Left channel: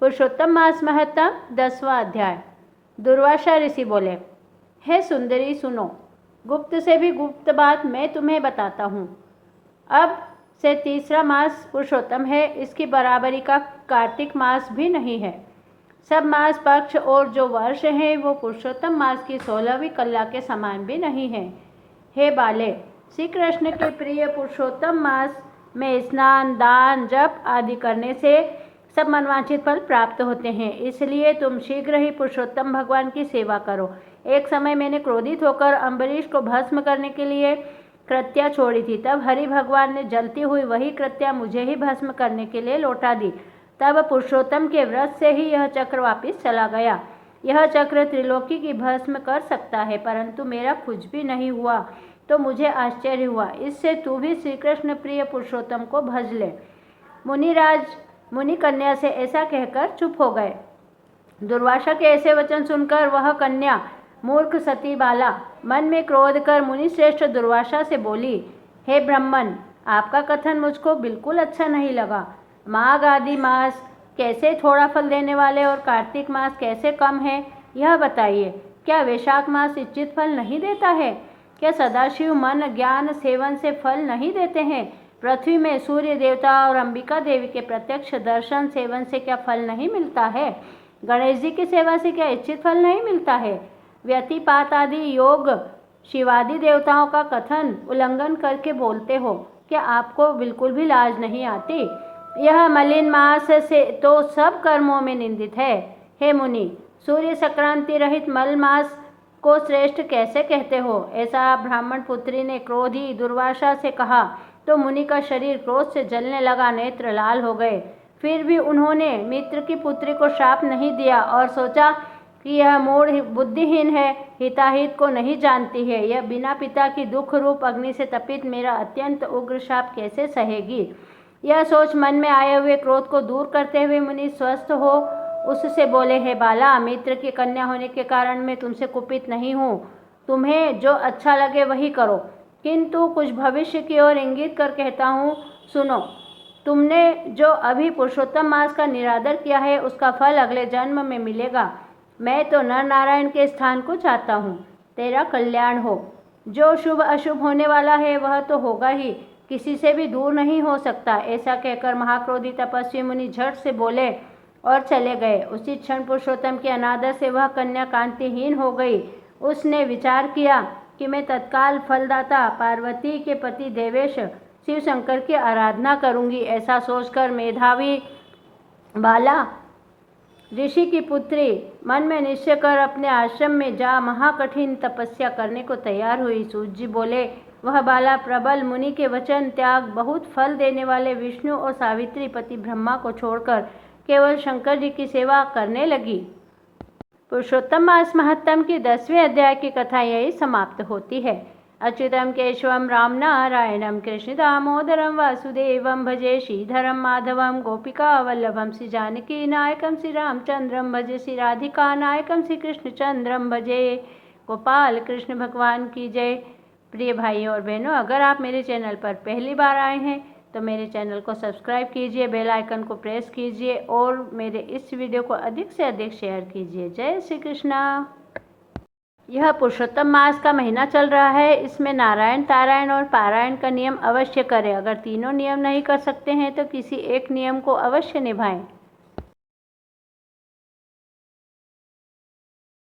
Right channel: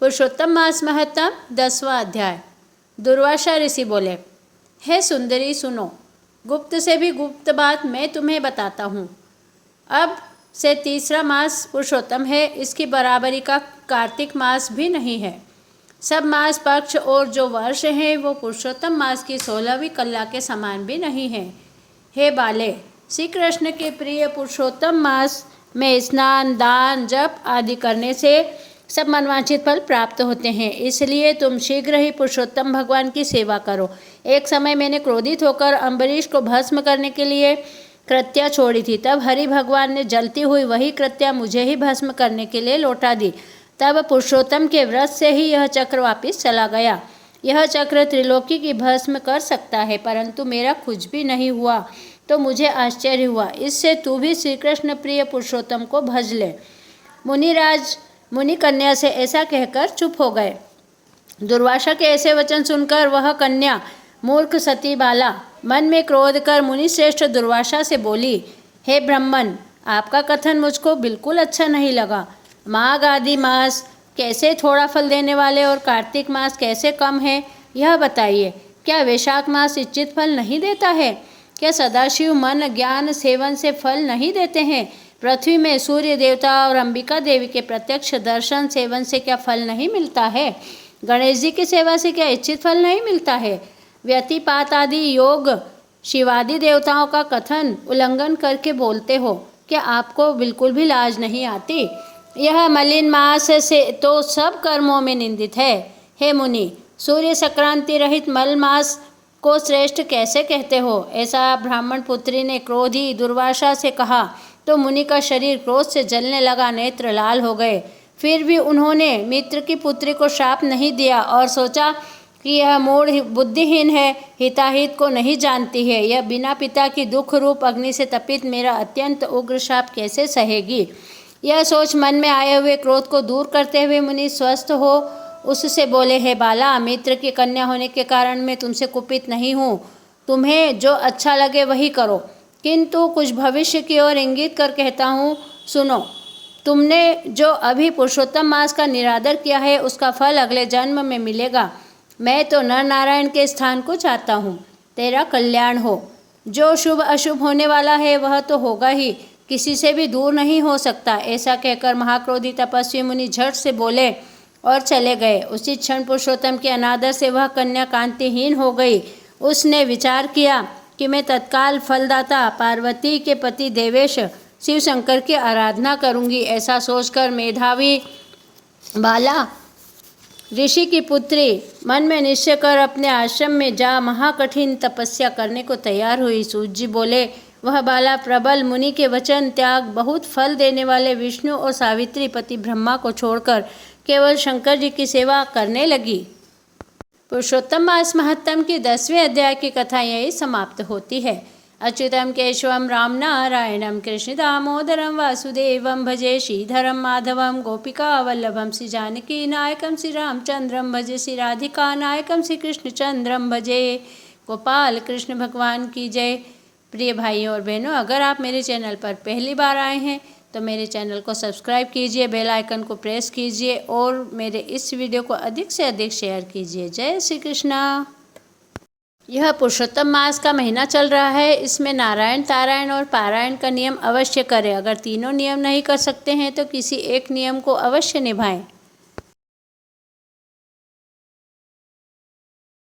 पुरुषोत्तम मास महत्तम 10वां अध्याय। दुर्वासा ऋषि बोले, हे सुंदरी सुनो, गुप्त से भी गुप्त बात मैं तुम्हें बताता हूँ। अब से तीसरा मास पुरुषोत्तम है, इसकी बराबरी का कार्तिक मास भी नहीं है। सब मास पक्ष और जो वर्ष हैं वो पुरुषोत्तम मास की 16वीं कला के समान भी नहीं है। हे बाले, श्री कृष्ण के प्रिय पुरुषोत्तम मास में स्नान, दान, जप आदि करने से सब मनवांछित फल प्राप्त होते हैं। इसलिए तुम शीघ्र ही पुरुषोत्तम भगवान की सेवा करो। एक समय मैंने क्रोधित होकर अम्बरीश को भस्म करने के लिए कृत्या छोड़ी थी। तब हरि भगवान ने जलती हुई वही कृत्या मुझे ही भस्म करने के लिए लौटा दी। तब पुरुषोत्तम के व्रत से ही यह चक्र वापिस चला गया। यह चक्र त्रिलोकी की भस्म कर सकता है, परंतु मेरा कुछ भी नहीं हुआ तो मुझे आश्चर्य हुआ। इससे तू भी श्री कृष्ण प्रिय पुरुषोत्तम को भज ले। मुनिराज मुनि कन्या से ऐसा कहकर चुप हो गए। दुर्वासा के ऐसे वचन सुनकर वह कन्या मूर्ख सती बाला मन में क्रोध कर मुनि श्रेष्ठ दुर्वासा से बोली, हे ब्राह्मण, आपका कथन मुझको बिल्कुल अच्छा नहीं लगा। माघ आदि मास कैसे थोड़ा फल देने वाले और कार्तिक मास कैसे कम है, यह बताइए। क्या वैशाख मास इच्छित फल नहीं देता है? क्या सदाशिव मन ज्ञान सेवन से फल नहीं देते हैं? पृथ्वी में सूर्य देवता और अंबिका देवी के प्रत्यक्ष दर्शन सेवन से क्या फल नहीं मिलता है? गणेश जी की सेवा से क्या इच्छित फल नहीं मिलता है? व्यतिपात आदि योग शिवादि देवताओं का कथन उल्लंघन करके बोलते हो। क्या आपको बिल्कुल भी लाज नहीं आती? यह मलिन मास से तो सब कर्मों में निंदित है। हे मुनि, सूर्य संक्रांति रहित मल मास को श्रेष्ठ कैसे कहते हो? ऐसा ब्राह्मण पुत्री ने क्रोधी दुर्वासा से कहा तो मुनि का शरीर क्रोध से जलने लगा, नेत्र लाल हो गए। फिर भी उन्होंने मित्र की पुत्री को श्राप नहीं दिया और सोचा कि यह मूढ़ बुद्धिहीन है, हिताहित को नहीं जानती है। यह बिना पिता की दुख रूप अग्नि से तपित मेरा अत्यंत उग्र श्राप कैसे सहेगी? यह सोच मन में आए हुए क्रोध को दूर करते हुए मुनि स्वस्थ हो उससे बोले, हे बाला, मित्र की कन्या होने के कारण मैं तुमसे कुपित नहीं हूँ। तुम्हें जो अच्छा लगे वही करो, किंतु कुछ भविष्य की ओर इंगित कर कहता हूँ, सुनो। तुमने जो अभी पुरुषोत्तम मास का निरादर किया है उसका फल अगले जन्म में मिलेगा। मैं तो नर नारायण के स्थान को चाहता हूँ, तेरा कल्याण हो। जो शुभ अशुभ होने वाला है वह तो होगा ही, किसी से भी दूर नहीं हो सकता। ऐसा कहकर महाक्रोधी तपस्वी मुनि झट से बोले और चले गए। उसी क्षण पुरुषोत्तम के अनादर से वह कन्या कांतिहीन हो गई। उसने विचार किया कि मैं तत्काल फलदाता पार्वती के पति देवेश शिव शंकर की आराधना करूंगी। ऐसा सोचकर मेधावी बाला ऋषि की पुत्री मन में निश्चय कर अपने आश्रम में जा महाकठिन तपस्या करने को तैयार हुई। सूत जी बोले, वह बाला प्रबल मुनि के वचन त्याग बहुत फल देने वाले विष्णु और सावित्री पति ब्रह्मा को छोड़कर केवल शंकर जी की सेवा करने लगी। पुरुषोत्तम मास महत्तम की 10वें अध्याय की कथा यही समाप्त होती है। अच्युतम केशवम राम नारायणम कृष्ण दामोदरम वासुदेवम भजे श्रीधरम माधवम गोपिका वल्लभम श्री जानकी नायकम श्री रामचंद्रम भजे श्री राधिका नायकम श्री कृष्णचंद्रम भजे। गोपाल कृष्ण भगवान की जय। प्रिय भाइयों और बहनों, अगर आप मेरे चैनल पर पहली बार आए हैं तो मेरे चैनल को सब्सक्राइब कीजिए, बेल आइकन को प्रेस कीजिए और मेरे इस वीडियो को अधिक से अधिक शेयर कीजिए। जय श्री कृष्णा। यह पुरुषोत्तम मास का महीना चल रहा है। इसमें नारायण, तारायण और पारायण का नियम अवश्य करें। अगर तीनों नियम नहीं कर सकते हैं तो किसी एक नियम को अवश्य निभाएं।